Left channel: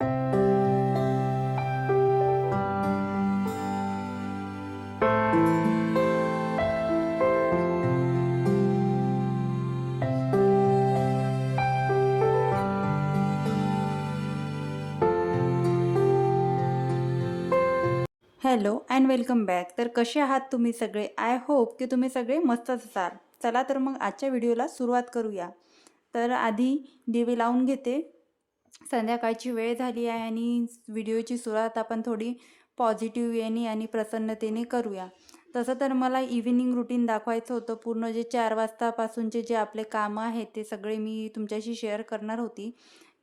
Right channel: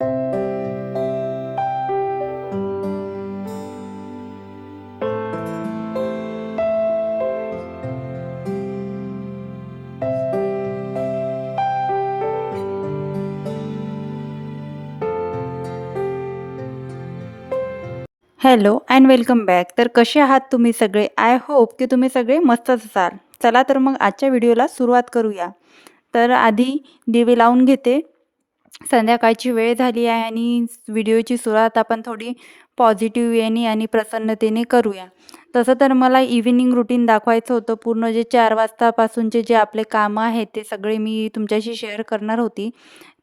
Hello and welcome back. तर कसे आहात तुम्ही सगळे? आय होप की तुम्ही सगळे मस्तच असाल. चला तर मग आजच्या व्हिडिओला सुरुवात करूया. तर आधी दिवे लावून घेते. संध्याकाळची वेळ झाली आहे आणि व्हिडिओची सुरुवात आपण थोडी पॉझिटिव्ह वेने आणि प्रसन्नतेने करूया. तसं तर मला इव्हिनिंग रुटीन दाखवायचं होतं. पूर्ण जे चार वाजतापासूनचे जे आपले कामं आहेत ते सगळे मी तुमच्याशी शेअर करणार होती.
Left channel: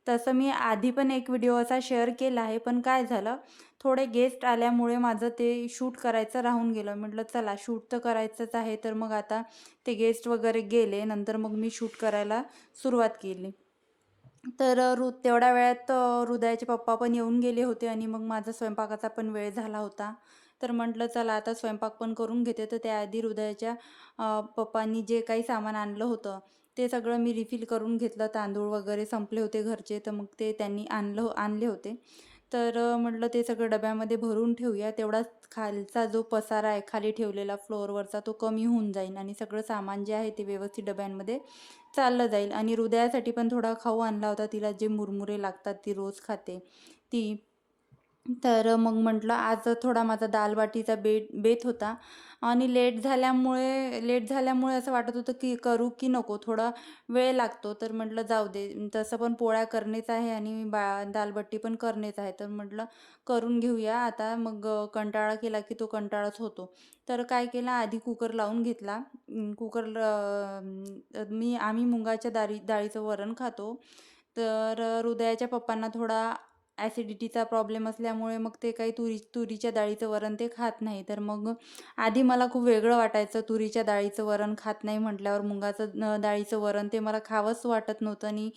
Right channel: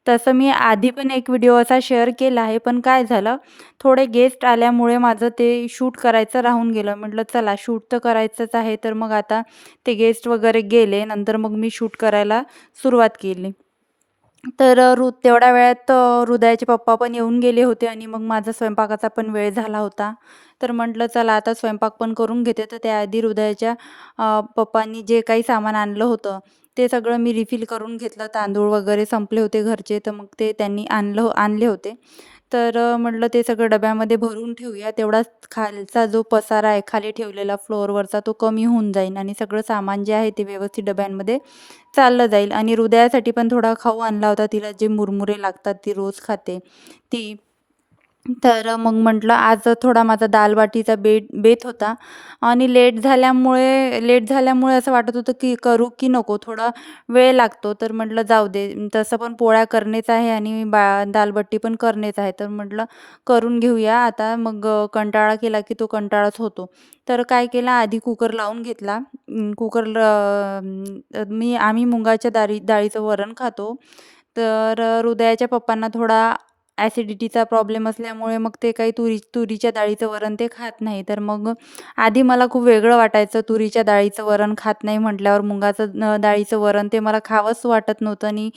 तसं मी आधी पण एक व्हिडिओ असा शेअर केला आहे. पण काय झालं? थोडे गेस्ट आल्यामुळे माझं ते शूट करायचं राहून गेलं. म्हटलं चला शूट तर करायचंच आहे. तर मग आता ते गेस्ट वगैरे गेले. नंतर मग मी शूट करायला सुरुवात केली. तर रु तेवढ्या वेळात हृदयाचे पप्पा पण येऊन गेले होते आणि मग माझा स्वयंपाकाचा पण वेळ झाला होता. तर म्हटलं चला आता स्वयंपाक पण करून घेते. तर त्याआधी हृदयाच्या पप्पांनी जे काही सामान आणलं होतं ते सगळं मी रिफिल करून घेतलं. तांदूळ वगैरे संपले होते घरचे तर मग ते त्यांनी आणलं आणले होते. तर म्हटलं ते सगळं डब्यामध्ये भरून ठेवूया. तेवढाच खालचा जो पसारा आहे खाली ठेवलेला फ्लोअरवरचा तो कमी होऊन जाईल आणि सगळं सामान जे आहे ते व्यवस्थित डब्यांमध्ये चाललं जाईल. आणि हृदयासाठी पण थोडा खाऊ आणला होता तिला जे मुरमुरे लागतात ती रोज खाते. ती तर मग म्हटलं आज थोडा माझा दालबाटीचा बेट बेत होता. आणि लेट झाल्यामुळे लेट झाल्यामुळे असं वाटत होतं की करू की नको थोडा वेळ लागतो. तर म्हटलं जाऊ दे तसं पण पोळ्या करणेच आहे आणि बा दालबट्टी पण करणेच आहे. तर म्हटलं करून घेऊया. आता मग कंटाळा केला की तो कंटाळाच होतो. तर काय केला आधी कुकर लावून घेतला. कुकर मी आम्ही मुगाच्या डाळी डाळीचं वरण खातो. तर हृदयाच्या पप्पांना थोडा ॲसिडिटीचा प्रॉब्लेम असल्यामुळे मग ते काही तुरी तुरीच्या डाळीचं वरण ते खात नाही. तर मग आधी मला खूप वेगळं वाटायचं तुरीच्या डाळीचं वरण खात नाही म्हटल्यावर मुगाचं डाळीचं वरण ते मला खावंच वाटत नव्हतं आणि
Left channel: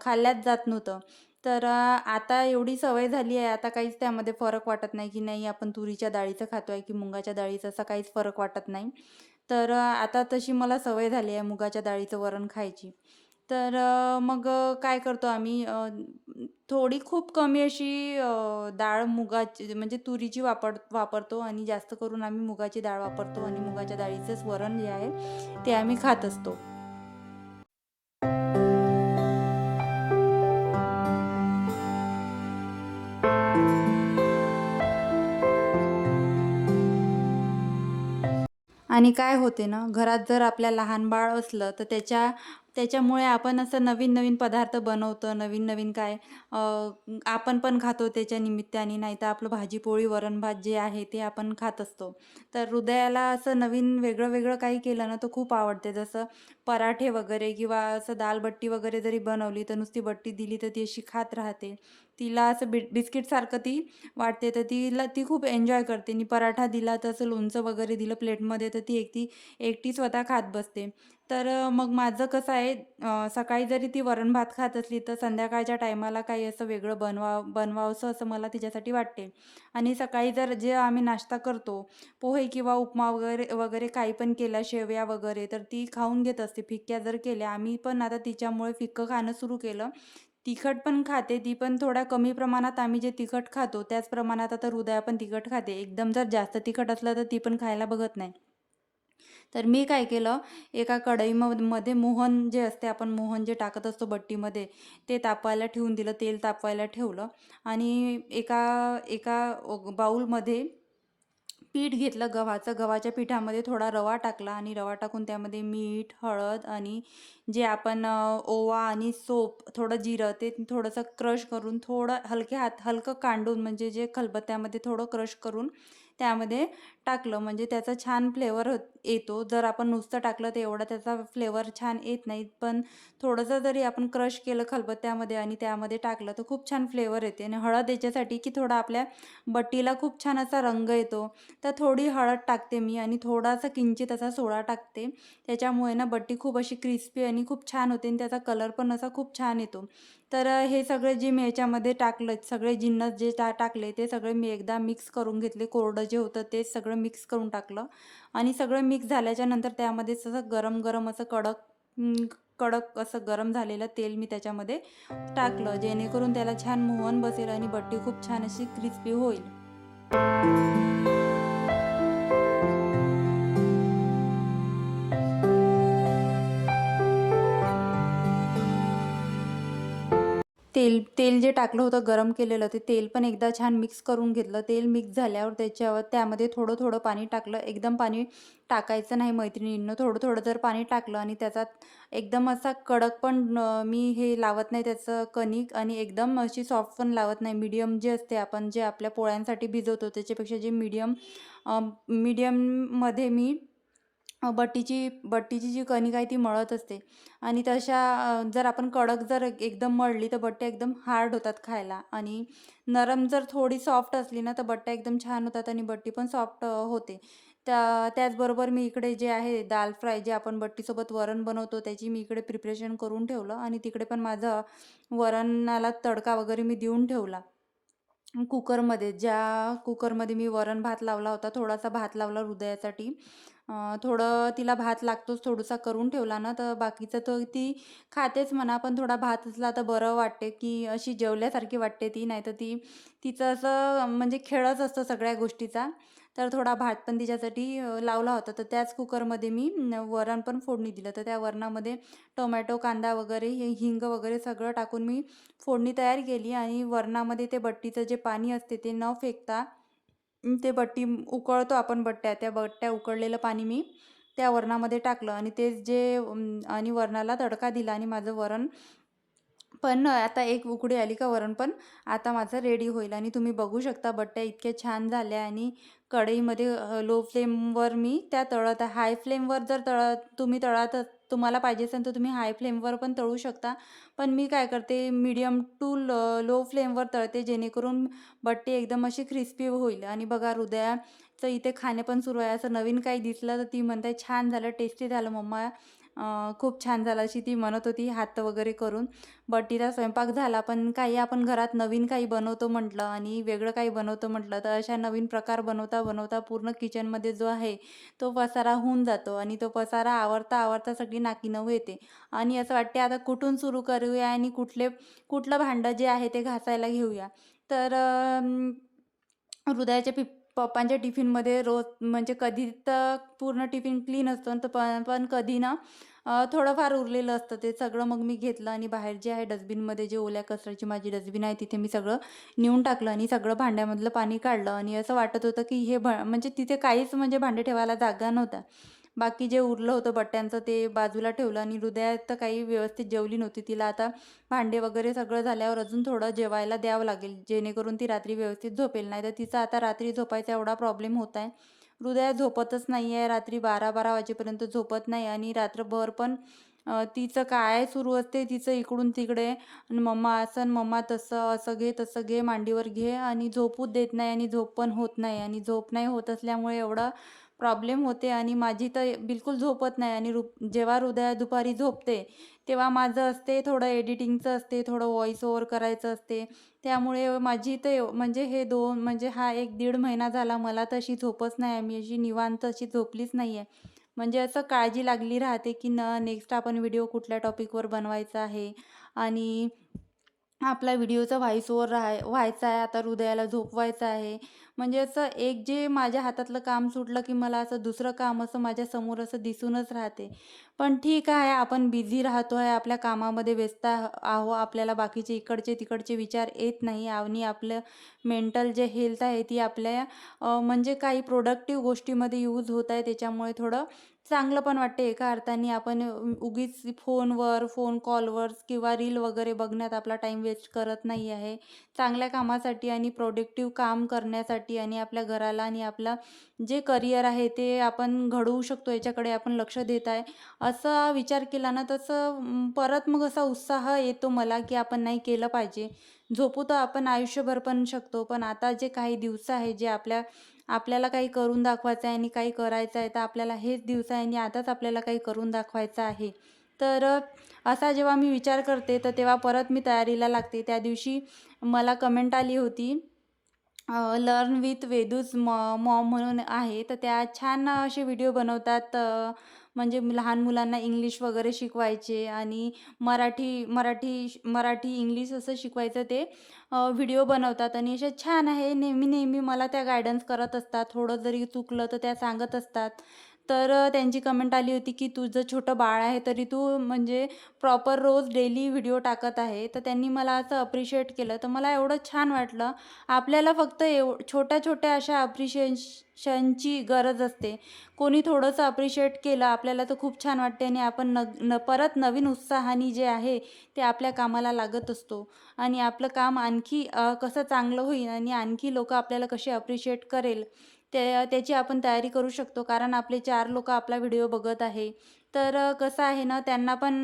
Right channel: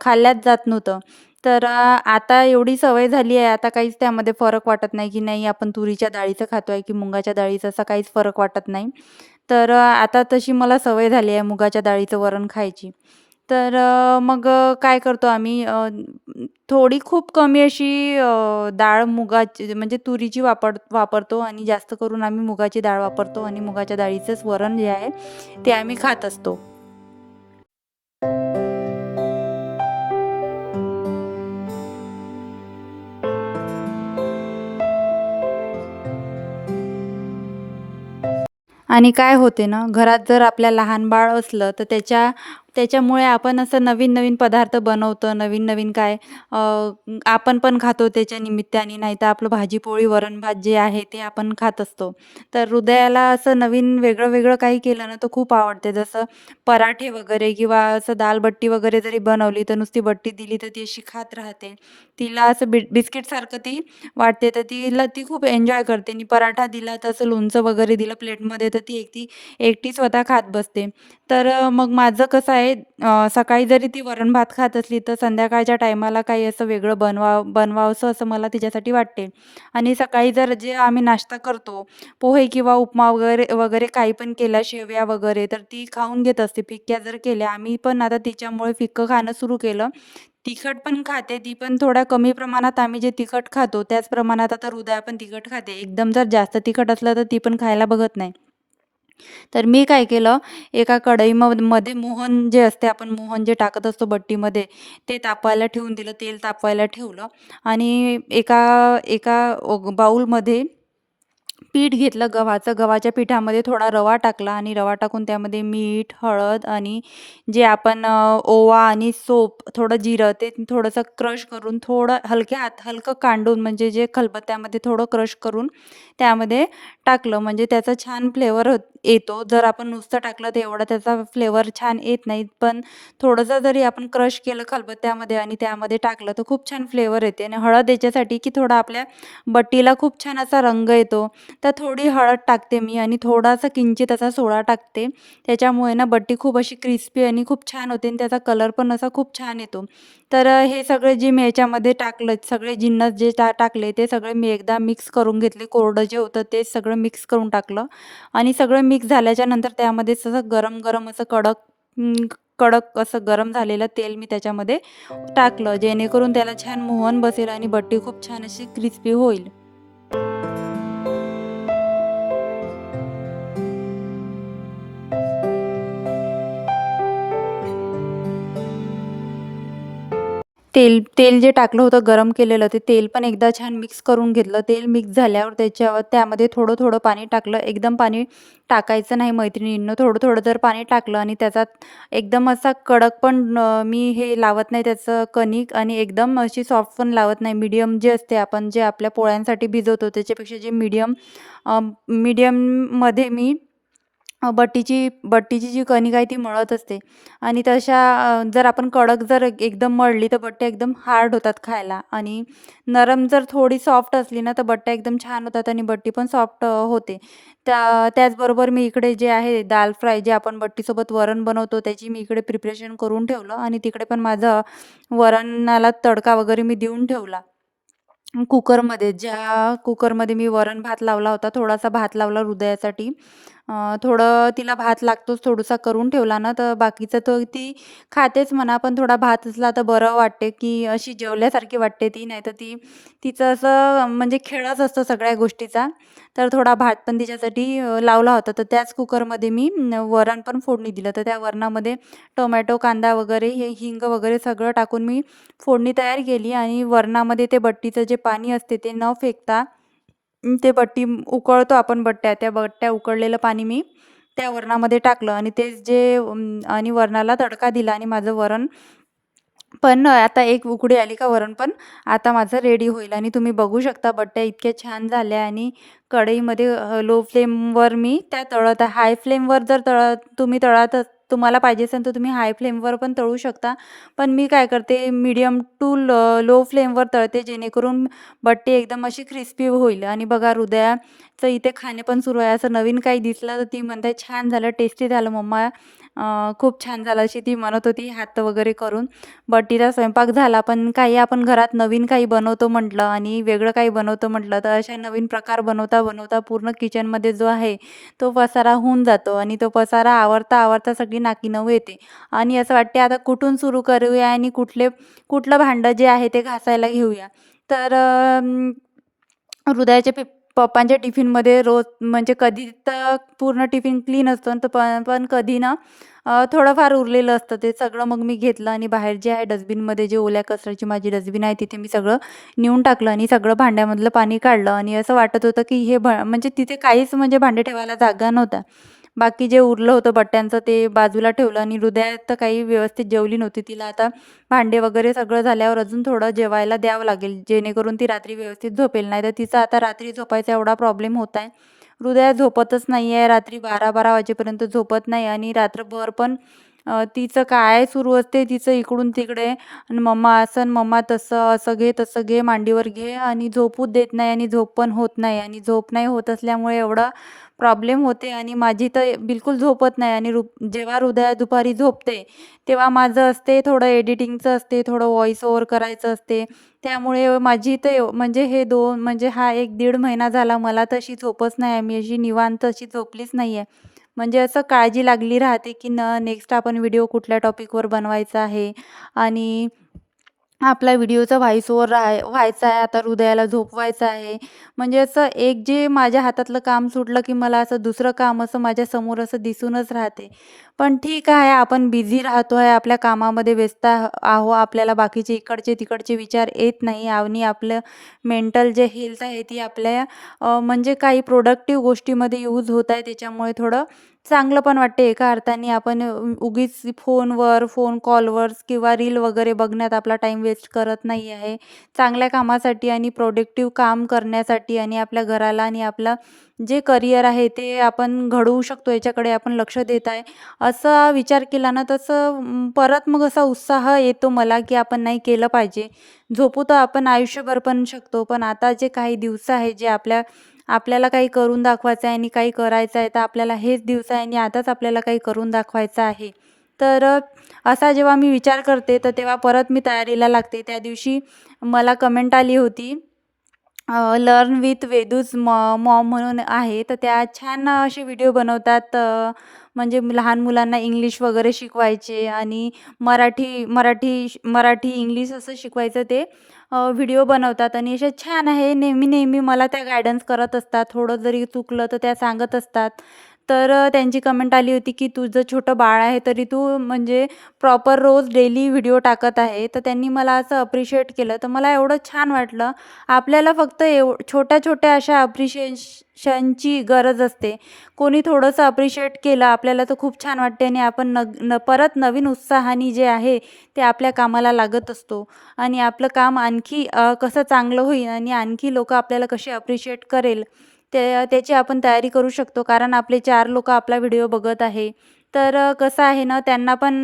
खाल्ल्याच जात नव्हतं. तर आता एवढी सवय झाली आहे आता काहीच त्यामध्ये फरक वाटत नाही की नाही आपण तुरीच्या डाळीचं खातो आहे की मुगाच्या डाळीचं असा काहीच फरक वाटत नाही. तर आता तशी मला सवय झाली आहे मुगाच्या डाळीचं वरण खायची. तर मग काय करतो आम्ही? थोडी खूप कमी अशी डाळ मुगाची म्हणजे तुरीची वापर वापरतो आणि जास्त करून आम्ही मुगाची डाळ वापरतो आणि मुगाच्या डाळीचंच वरण जे आहे ते आम्ही खात असतो. आणि काय होते ना घरात जर आपल्या लहान बाळ असलं तर त्याच्या त्याच्यामुळे आपण असं नवीन-नवीन पदार्थ बनवतो, नवीन-नवीन काय आपण पण खातो त्याच्या निमित्ताने. नाहीतर आपलं भाजी-पोळी, वरण-भात जे आहे ते आपण खात असतो. तर हृदयाला असं नवीन वेगळं-वेगळं काही केलं ना, तर खूप आवडते. जसं पराठे वगैरे किंवा असं दाल-बट्टी वगैरे जरी बनवली, तर नुसती बट्टी दिली तर ती अशी खात राहते. तिला असं बि बिस्किटसारखं ती वाटते, तर तिला ती खूप एन्जॉय करते. आणि पराठा दिला, तर असं लोणचं वगैरे दिलं प्लेटमध्ये, तर ती एकटी एकटी स्वतः खात बसते. तर मग माझं कसं आहे सकाळी जरी ती वरण-भात खात असली, तर संध्याकाळच्या टायमाला काही असं वेगळं बनवा बनवावंसं असं मला तिच्यासाठी वाटते. आणि सकाळी जर जे आम्ही नाश्ता करतो, पोहे किंवा उपमा वगैरे वगैरे काही पण केला, शेवया वगैरे, तर ती खाऊन घेत असते. फिक्क्या जर केल्या आम्ही पण आता तिच्यामुळे फिक्कं खाणं सुरू केलं. तिखट पण खाते ती, पण थोड्या कमी प्रमाणात आम्ही जे तिखट खातो, त्याच प्रमाणात आता हृदया पण तिखट खाते. एकदम जर जास्त तिखट असलं, तर ती पण खायला बघत नाही. तर मी काय केलं, एका कढईमध्ये मोहन जे असते, आपण मोहन जे टाकत असतो बट्टीमध्ये, ते तापवायला ठेवून दिलं. तेल तापवायला ठेवलं आणि एका एका बाऊलमध्ये पीठ घेतलं गव्हाचं. गव्हाच्या पिठामध्ये थोडा रवा टाकला आणि रवा टाकून त्यामध्ये मीठ, हळद आणि जे आपण ओवा आणि सोप, थोडं जिरं ते थोडंसं क्रश करून, थोडं हलक्या हात हलकं कांडून म्हणजे जे खलबत्त्यामध्ये थोडं क्रश करून त्यामध्ये टाकलं. म्हणजे त्याचा छान फ्लेवर येतो. जर आपण नुसतं टाकलं तर एवढा त्याचा फ्लेवर छान येत नाही. पण थोडंसं जरी आपण क्रश केलं खलबत्त्यामध्ये आणि त्यामध्ये टाकलं तर खूप छान फ्लेवर येते. आणि हळद याच्यासाठी की थोडा आपल्या बट्टीला खूप छान असा रंग येतो. तर थोडी हळद टाकते मी आणि थोडासा किंचित असा सोडा टाकते. त्याच्यामुळे ना बट्टी खूप अशी क्रिस्पी आणि खूप छान होते आणि त्याचा कलर पण असा खूप छान येतो. तर हे सगळे जे मी याच्यामध्ये टाकलं, सगळे जिन्नस जे टाकले ते सगळे मी एकदा मिक्स करून घेतले. कोरडं जे होतं ते सगळं मिक्स करून टाकलं. आणि सगळं मिक्स झाल्याच्यानंतर त्यामध्ये असं गरम-गरम असं कडक कडक असं गरम झालेलं तेल मी त्याच्यामध्ये टाकलं. जेणेकरून त्याला छान मोहन बसेल आणि बट्टी खूप छान अशी क्रिस्पी होईल. तेल तेल जे टाकलं होतं गरम केलेलं ते तेल पण एकदा छान मिक्स करून घेतलं. तेल मिक्स झाल्यावर त्याच्यावर त्यामध्ये थोडं थोडं पाणी टाकलं. एकदम पाणी टाकायचं नाही मैत्रिणींनं. थोडं थोडं जर पाणी टाकलं आणि त्याचा एकदम असा कडक पण मी हे लावत नाही त्याचं कणिक आणि एकदम अशी सॉफ्ट पण लावत नाही. मीडियम जे असते आपण जे आपल्या पोळ्यांसाठी भिजवतो त्याच्यापेक्षा जे मीडियम मीडियममध्ये मी बट्टीची बट्टीची जी कणिक आहे ती मळत असते. आणि तशा जर आपण कडक जर एकदम मळली तर बट्ट्या एकदम हार्ड होतात खायला. आणि नरम जर थोडी सॉफ्ट असली ना तर बट्ट्या एकदम छान होतात आणि बट्टी पण सॉफ्ट होते. त्या त्याचबरोबर मी इकडे जे आहे दाल फ्राय जे आपण बट्टीसोबत वरण बनवतो त्याची मी इकडे प्रिपरेशन करून ठेवलं आणि तिकडे पण माझं वरणाला तडका वगैरे मी देऊन ठेवला. कुकरमध्ये ज्या कुकरमध्ये मी वरण भात लावला होता थोडासा भात लावला हृदयासाठी. थोडं तिला भात लागतोच थोडासा करून ठेवला ना तर बाकीचं तर ती खातेच म्हणा पण थोडा भात असला तर बरं वाटते की अशी जेवल्यासारखी वाटते ती नाही तर ती तिचं असं म्हणजे खेळच असतो सगळ्या गोष्टीचा. तर थोडा भात पण तिच्यासाठी लावला होता. तर त्याच कुकरमध्ये मी वरण पण फोडणी दिलं. तर त्या वरणामध्ये टोमॅटो कांदा वगैरे हे हिंग वगैरे सगळं टाकून मी फोडणी तयार केली आणि वरणामध्ये ते बट्टीचं जे पाणी असते ते न फेकता ते बट्टी उकळतो आपण बट्ट्या त्या बट्ट्या उकळलेलं पाणी मी त्या वरणामध्ये टाकलं आणि ते जे आणि वरणाला तडका दिला आणि माझं वरण पण आता एक उकडी आली का वरण पण आता माझं रेडी होईल आणि तुम्ही बघू शकता बट्ट्या इतक्या छान झाल्या आणि कढईमध्ये लो फ्लेमवर मी त्या तळत हाय फ्लेमवर जर तळ तुम्ही तळत तुम्हाला पाहिजे असेल तर तुम्ही हाय फ्लेमवर पण तळू शकता. पण मी काय करते मीडियम टू लो फ्लेमवर तळते जेणेकरून बट्टी एकदम अशी क्रिस्पी होईल. आणि बघा हृदयाचं इथे खाणे पण सुरू आहे. असं नवीन काही दिसलं तर ती म्हणते छान झालं टेस्टी झालं मम्मा. खूप छान झालं अशी ती म्हणत होती हात वगैरे करून. बट्टीचा स्वयंपाक झाला पण काही आपण घरात नवीन काही बनवतो म्हटलं आणि वेगळं काही बनवतो म्हटलं तर अशा नवीन प्रकार बनवता बनवता पूर्ण किचनमध्ये जो आहे तो पसारा होऊन जातो आणि तो पसारा आवरता आवरता सगळी नाकी नऊ येते. आणि असं वाटते आता कुठून सुरू करूया आणि कुठले कुठलं भांडं जे आहे ते घासायला घेऊया. तर हृदयाच्या पि पप्पांच्या टिफिनमध्ये रोज म्हणजे कधी तर पूर्ण टिफिन क्लीन असतो तर पण पण कधी ना थोडंफार उरलेलं असतं. ते सगळं मग मी घेतलं आणि बाहेर जे आहे डस्टबिनमध्ये जे ओल्या कचऱ्याची माझी डस्टबिन आहे तिथे मी सगळं नेऊन टाकलं आणि सगळं भांड्यामधलं पाणी काढलं आणि असं वाटत होतं की हे भ म्हणजे तिथे काहीच म्हणजे भांडे ठेवायला जागा नव्हता. बाकी जे उरलं होतं बट्ट्यांचं ते बाजूला ठेवलं आणि हृदयात तर काही व्यवस्थित जेवली नव्हती. तिला आता भांडे वगैरे सगळं झाल्यावर अजून थोडं जेवायला द्यावं लागेल. जेणेकरून ती रात्री व्यवस्थित झोपेल. नाही तर तिचा आता रात्री झोपायचा एवढा प्रॉब्लेम होत आहे. हृदया झोपतच नाही आहे रात्री बारा बारा वाजेपर्यंत झोपत नाही आणि रात्रभर पण तिचं काय सुरू असते तिचं इकडून तिकडे आणि मम्मा असं मम्मा तसं असं घे तसं घे मांडीवर घे आणि झोपूच देत नाही आणि झोप पण होत नाही आणि झोप नाही होत असल्यामुळे एवढा प्रॉब्लेम होते आणि माझी तर बिलकुल झोपत नाही आणि रु जेव्हा हृदया दुपारी झोपते तेव्हा माझं असते थोडं एडिटिंगचं असते थोडं व्हॉइस ओवर करायचं असते. त्यामुळे माझी तर म्हणजे हे दोन म्हणजे हा एक दीड महिना झाला मला तशी झोपच नाही आहे. मी अशी निवांत अशी झोपलीच नाही आहे म्हणजे असं काळजी लागली राहते की न नेक्स्ट आपण व्हिडिओ कुठल्या टॉपिकवर बनवायचा आहे. आणि आपला व्हिडिओचा व्हॉइस ओवर राहाय व्हायचा आहे आता हृदयाला झोपवायचं आहे. म्हणजे असं एक जे माझ्या हातातलं काम सुटलं की मला असं दुसरं काम असं माझ्यासमोर असं दिसूनच राहते. पण ठीक आहे आपण बिझी राहतो आहे आपल्या कामामध्ये व्यस्त आहो आपल्याला बाकीचे इकडचे तिकडचे विचार येत नाही. आणि आपलं मेंटल जे हेल्थ आहे ती आपल्या म्हणजे काही प्रोडक्टिव्ह गोष्टीमध्ये यूज होत आहे त्याच्यामुळे थोडं चांगलं पण वाटते एका अर्थाने आपण उगीच फोनवर फोन कॉलवर किंवा रील वगैरे बघण्यात आपला टाईम वेस्ट करत नाही आहे. चांगल्या कामासाठी आणि प्रोडक्टिव्ह काम करण्यासाठी आणि आपल्या घराला आणि आपलं जे करिअर आहे ते आपण घडवू शकतो याच्याकडे आपण लक्ष देत आहे. असा विचार केला ना तसं परत मग असा उत्साह येतो मला की आपण नाही केलं पाहिजे. झोपू तर आपण आयुष्यभर पण शकतो पण आता जे काही दिवस आहे जे आपल्या आपल्याला काही करून दाखवायचं आहे आणि काही करायचं आहे तर आपल्याला हेच दिवस आहे आणि आताच आपल्याला काही करून दाखवायचं आहे. तर असा जेव्हा मी विचार करते तर तेव्हा परत मी तयारीला लागते. त्या दिवशी मला कमेंट आली होती लर्न विथ वेदूज मॉ मॉम म्हणून आहे. तर त्या छान असे व्हिडिओ बनवतात म्हणजे लहान मुलांना इंग्लिश वगैरे शिकवायचे आणि मराठी मराठी मराठी इंग्लिश असं शिकवायचं ते. व्हिडिओ बनवतात आणि असे छान आहे. नेहमी नेहमी मला त्या गायडन्स करत असतात. थोडं जरी चुकलं तर त्या सांगत असतात. तर त्यांची कमेंट आली होती की तुझं छोटं बाळ आहे तरी तू म्हणजे प्रॉपर रोज डेली व्हिडिओ टाकत आहे. तर त्यांनी मला असं अप्रिशिएट केलं. तर मला एवढं छान वाटलं. आपल्याला फक्त एव छोट्या छोट्या अशा अप्रिशिएशनची गरज असते. कोणी थोडंसं अप्रिशिएट केलं आपल्याला तर खूप छान वाटते आणि आपण न न परत नवीन उत्साहाने जे आहे ते आपल्या कामाला लागत असतो. आणि आपलं काम आणखी कसं चांगलं होईल आणि आणखी लोक आपल्याला कसे अप्रिशिएट करेल ते त्याची आपण तयारी करू शकतो. कारण आपले चार लोक आपला व्हिडिओ बघत आहे. तर कसं आहे ना त्यांना पण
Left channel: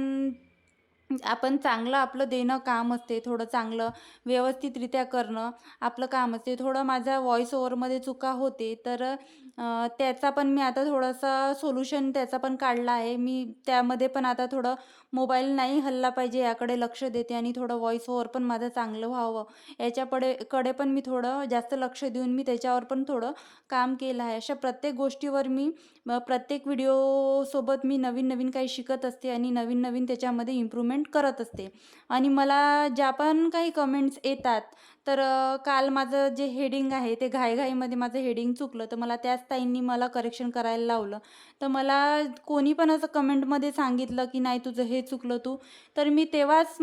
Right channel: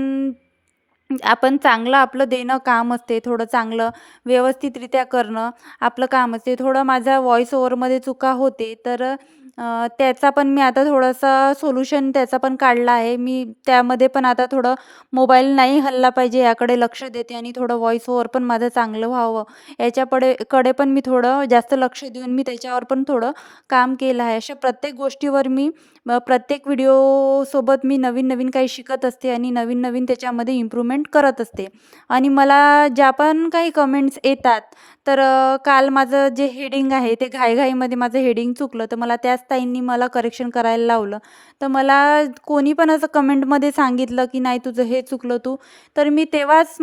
आपण चांगलं आपलं देणं काम असते थोडं चांगलं व्यवस्थितरित्या करणं आपलं काम असते. थोडं माझ्या व्हॉईस ओवरमध्ये चुका होते तर त्याचा पण मी आता थोडंसं सोल्युशन त्याचा पण काढला आहे. मी त्यामध्ये पण आता थोडं मोबाईल नाही हल्ला पाहिजे याकडे लक्ष देते आणि थोडं व्हॉईस ओवर पण माझं चांगलं व्हावं. याच्याकडे कडे पण मी थोडं जास्त लक्ष देऊन मी त्याच्यावर पण थोडं काम केलं आहे. अशा प्रत्येक गोष्टीवर मी प्रत्येक व्हिडिओसोबत मी नवीन नवीन काही शिकत असते आणि नवीन नवीन त्याच्यामध्ये इम्प्रूव्हमेंट करत असते. आणि मला ज्या पण काही कमेंट्स येतात तर काल माझं जे हेडिंग आहे ते घाईघाईमध्ये माझं हेडिंग चुकलं. तर मला त्याच ताईंनी मला करेक्शन करायला लावलं. तर मला कोणी पण असं कमेंटमध्ये सांगितलं की नाही तुझं हे चुकलं तू. तर मी तेव्हाच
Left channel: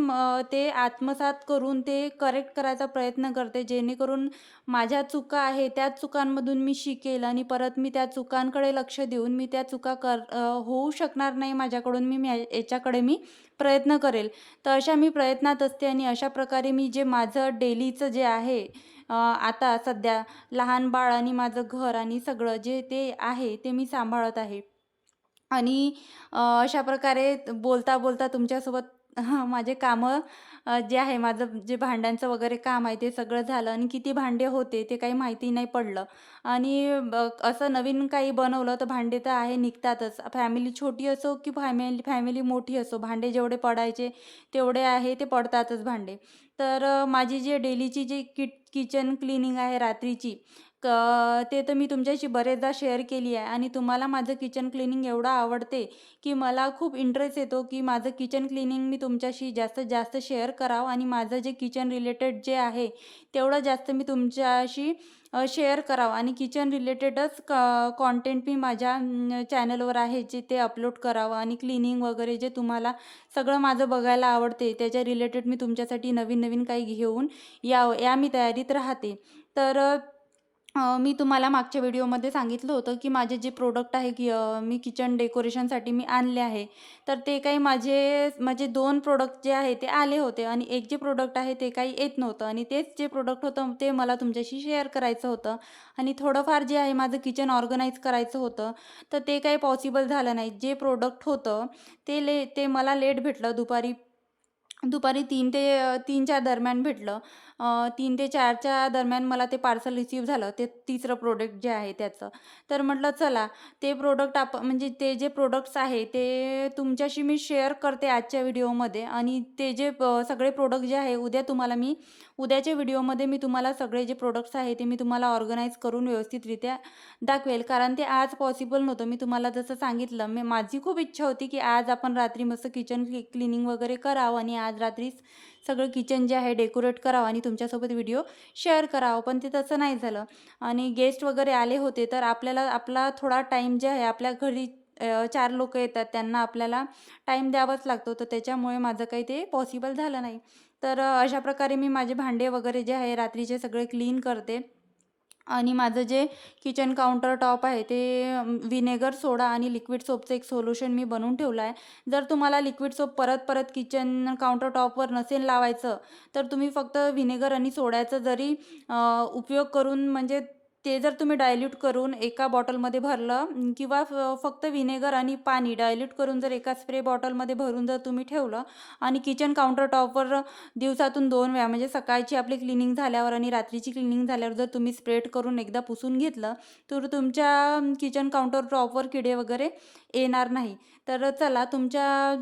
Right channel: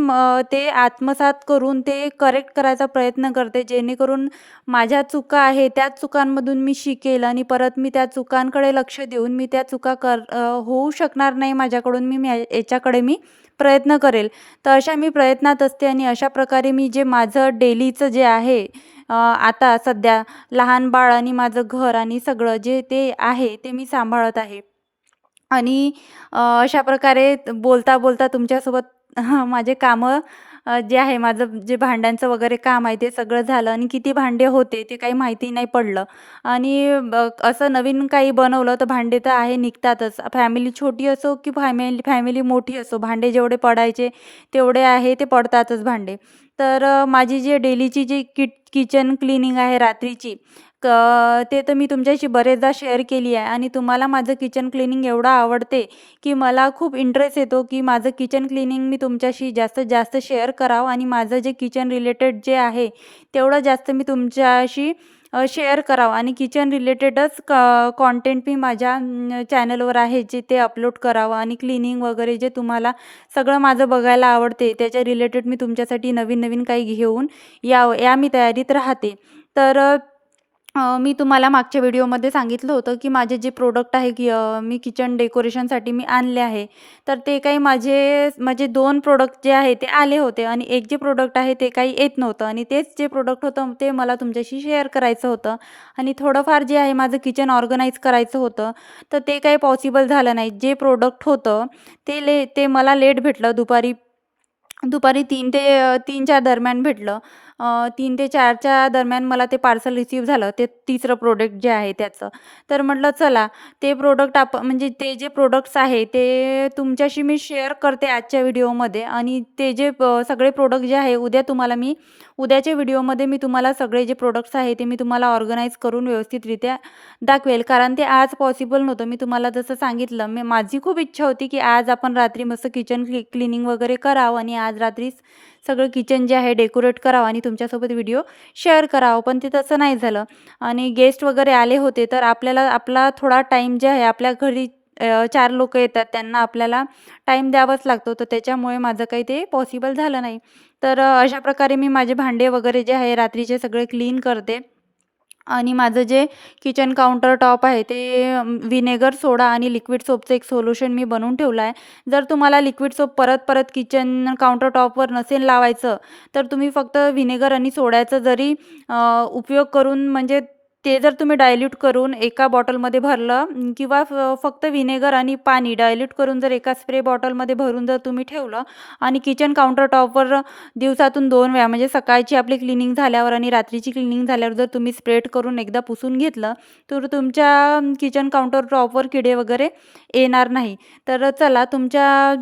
ते आत्मसात करून ते करेक्ट करायचा प्रयत्न करते. जेणेकरून माझ्या चुका आहे त्याच चुकांमधून मी शिकेल आणि परत मी त्या चुकांकडे लक्ष देऊन मी त्या चुका कर होऊ शकणार नाही माझ्याकडून. मी याच्याकडे मी प्रयत्न करेल. तर अशा मी प्रयत्नात असते आणि अशा प्रकारे मी जे माझं डेलीचं जे आहे आता सध्या लहान बाळ आणि माझं घर आणि सगळं जे ते आहे ते मी सांभाळत आहे. आणि अशा प्रकारे बोलता बोलता तुमच्यासोबत माझे कामं जे आहे माझं जे भांड्यांचं वगैरे काम आहे ते सगळं झालं आणि किती भांडे होते ते काही माहिती नाही पडलं. आणि असं नवीन काही बनवलं तर भांडे तर आहे निघतातच. फॅमिली छोटी असो की फॅमिली फॅमिली मोठी असो भांडे जेवढे पडायचे तेवढे आहे ते पडतातच भांडे. तर माझी जी डेलीची जी किट किचन क्लिनिंग आहे रात्रीची क ते तर मी तुमच्याशी बरेचदा शेअर केली आहे आणि तुम्हाला माझं किचन क्लिनिंग एवढं आवडते की मला खूप इंटरेस्ट येतो की माझं किचन क्लिनिंग मी तुमच्याशी जास्तीत जास्त शेअर करावं आणि माझं जे किचन रिलेटेड जे आहे तेवढं जास्त मी तुमच्याशी शेअर करावं. आणि किचन रिलेटेडच क कॉन्टेंट मी माझ्या चॅनलवर आहे जे ते अपलोड करावं. आणि क्लिनिंग वगैरे जे तुम्हाला सगळं माझं बघायला आवडते त्याच्या रिलेटेड मी तुमच्यासाठी नवीन नवीन काही घेऊन या या मी तयारीत राहते. तर मी तुम्हाला मागच्या व्हिडिओमध्ये सांगितलं होतं की माझे जे प्रोडक्ट आहे की मी किचन डेकोरेशनसाठी मी आणले आहे. तर ते काही माझे माझे दोन प्रोडक्ट जे आहे ते आले होते आणि एक जे प्रोडक्ट आहे ते काही येत नव्हतं आणि तेच जे प्रोडक्ट होतं ते मला तुमच्याशी शेअर करायचं होतं. आणि थोडंफार जे आहे माझं किचन ऑर्गनाईज करायचं होतं तर ते काही पॉसिबल झालं नाही. जे प्रोडक्ट होतं ते ले ते मला लेट भेटलं. दुपारी दुपारी तीन ते तीनच्या दरम्यान भेटलं. तीन ते चारच्या दरम्यान मला ते पार्सल रिसीव झालं. ते तिसरं प्रोडक्ट जे आहे त्याचं. तर म्हटलं चला ते प्रोडक्ट आप म्हणजे ते जे प्रोडक्ट्स आहे ते तुमच्याशी मी शेअर करते आजच्या व्हिडिओमध्ये आणि ते जे सगळे प्रोडक्ट जे आहे उद्या तुम्हाला मी उद्याच्या व्हिडिओमध्ये मी तुम्हाला सगळे जे प्रोडक्ट्स आहे ते मी तुम्हाला ऑर्गनाईज करून व्यवस्थितरित्या दाखवेल. कारण ते आज पॉसिबल नव्हतं. मी तुम्हाला जसं सांगितलं मी माझी खूप इच्छा होती की आज आपण रात्री मस्त किचन क्ली क्लिनिंग वगैरे करावं आणि आज रात्रीच सगळं किचन जे आहे डेकोरेट करावं आणि तुमच्यासोबत व्हिडिओ शेअर करावं. पण ते तसं नाही झालं. आणि गेस्ट वगैरे आले होते तर आपल्याला आपला थोडा टाईम जे आहे आपल्या घरी चार लोक येतात त्यांना आपल्याला टाईम द्यावाच लागतो. तर त्याच्यामुळे माझं काही ते पॉसिबल झालं नाही. तर अशा प्रकारे मी माझे भांडे वगैरे जे आहे रात्रीचे सगळे क्लीन करते. आणि माझं जे किचन काउंटर टॉप आहे ते विनेगर सोडा आणि लिक्विड सोपचं एक सोल्युशन मी बनवून ठेवलं आहे. जर तुम्हाला लिक्विड सोप परत परत किचन काउंटर टॉपवर नसेल लावायचं तर तुम्ही फक्त विनेगर आणि सोड्याचं जरी उपयोग करून म्हणजे ते जर तुम्ही डायल्यूट करून एका बॉटलमध्ये भरलं किंवा फक्त व्हिनेगर आणि पाणी डायल्यूट करून जर एका स्प्रे बॉटलमध्ये भरून जर तुम्ही ठेवलं आणि किचन काउंटर टॉपवर दिवसातून दोन वेळा म्हणजे सकाळची आपली क्लिनिंग झाल्यावर आणि रात्रीची क्लिनिंग झाल्यावर जर तुम्ही स्प्रेड करून एकदा पुसून घेतलं तर तुमच्या किचन काउंटर टॉपवर किडे वगैरे येणार नाही. तर चला तुमच्या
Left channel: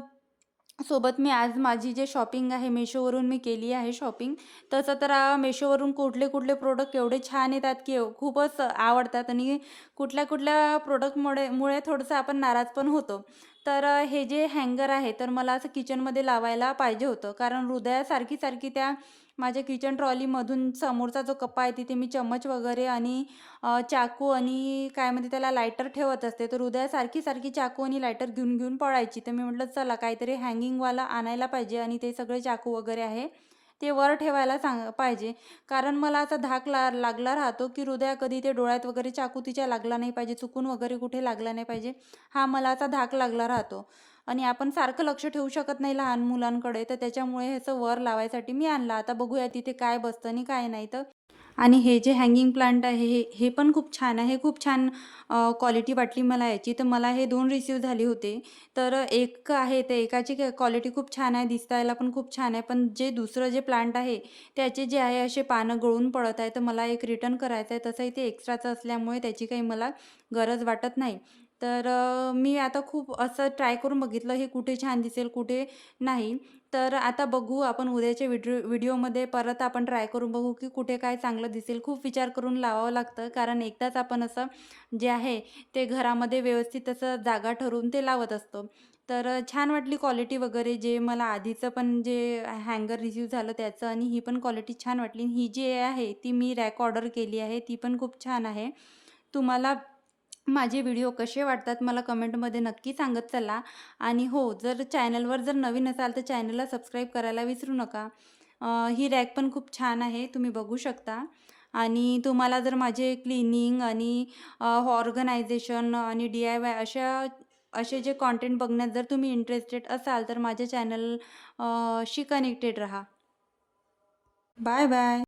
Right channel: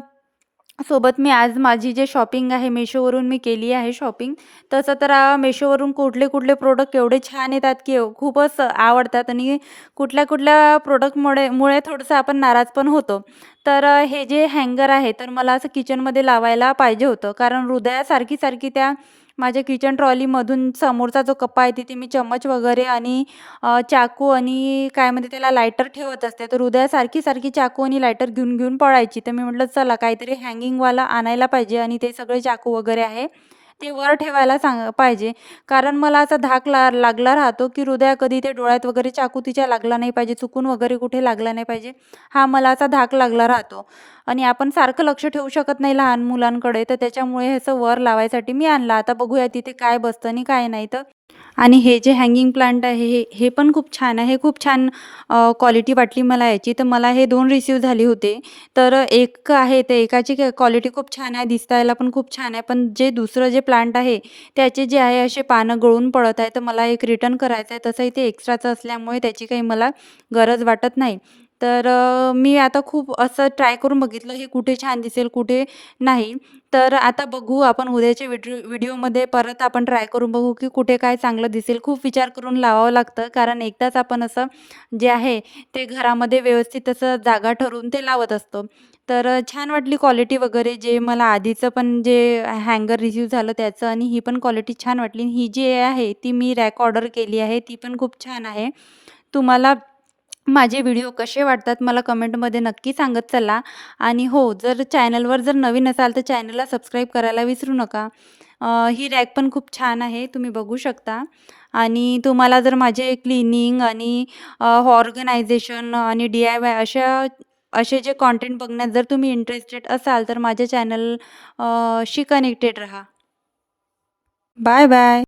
सोबत मी आज माझी जे शॉपिंग आहे मेशोवरून मी केली आहे शॉपिंग. तसं तर मेशोवरून कुठले कुठले प्रोडक्ट एवढे छान येतात की खूपच आवडतात आणि कुठल्या कुठल्या प्रोडक्टमुळे मुळे थोडंसं आपण नाराज पण होतो. तर हे जे हँगर आहे तर मला असं किचनमध्ये लावायला पाहिजे होतं. कारण हृदयासारखी सारखी त्या माझ्या किचन ट्रॉलीमधून समोरचा जो कप्पा आहे तिथे मी चम्मच वगैरे आणि चाकू आणि काय म्हणते त्याला लायटर ठेवत असते. तर हृदयासारखी सारखी चाकू आणि लायटर घेऊन घेऊन पळायची. तर मी म्हटलं चला काहीतरी हँगिंगवाला आणायला पाहिजे आणि ते सगळे चाकू वगैरे आहे ते वर ठेवायला सांग पाहिजे. कारण मला असा धाक ला लागला राहतो की हृदया कधी ते डोळ्यात वगैरे चाकू तिच्या लागला नाही पाहिजे चुकून वगैरे कुठे लागला नाही पाहिजे हा मला असा धाक लागला राहतो. आणि आपण सारखं लक्ष ठेवू शकत नाही लहान मुलांकडे. तर त्याच्यामुळे ह्याचं वर लावायसाठी मी आणलं. आता बघूया तिथे काय बसतं आणि काय नाही तर. आणि हे जे हँगिंग प्लांट आहे हे हे पण खूप छान आहे. खूप छान क्वालिटी वाटली मला याची. तर मला हे दोन रिसीव झाले होते. तर एक आहे ते एकाची क्वालिटी खूप छान आहे. दिसायला पण खूप छान आहे. पण जे दुसरं जे प्लांट आहे त्याचे जे आहे असे पानं गळून पडत आहे तर मला एक रिटर्न करायचं आहे. तसंही ते एक्स्ट्राचं असल्यामुळे त्याची काही मला गरज वाटत नाही. तर अ, मी आता खूप असं ट्राय करून बघितलं हे कुठे छान दिसेल कुठे नाही. तर आता बघू आपण उद्याच्या व्हिडिओ व्हिडिओमध्ये परत आपण ट्राय करून बघू की कुठे काय चांगलं दिसेल. खूप विचार करून लावावं लागतं कारण एकदाच आपण असं जे आहे ते घरामध्ये व्यवस्थित असं जागा ठरवून ते लावत असतो. तर अ, छान वाटली क्वालिटी वगैरे जे मला आधीचं पण जे हँगर रिसीव झालं त्याचं आणि ही पण क्वालिटी छान वाटली. ही जी आहे ती मी रॅक ऑर्डर केली आहे ती पण खूप छान आहे. तुम्हाला माझे व्हिडिओ कसे वाटतात मला कमेंटमध्ये नक्की सांगत चला. आणि हो जर चॅनलवर जर नवीन असाल तर चॅनलला सबस्क्राईब करायला विसरू नका. ही रॅक पण खूप छान आहे तुम्ही बघू शकता. आणि तुम्हाला जर माझे क्लिनिंग आणि ऑर्गनायझेशन आणि डी आय वाय अशा असे जे कॉन्टेंट बघण्यात जर तुम्ही इंटरेस्टेड असाल तर माझ्या चॅनल शी कनेक्टेड राहा. Bye bye.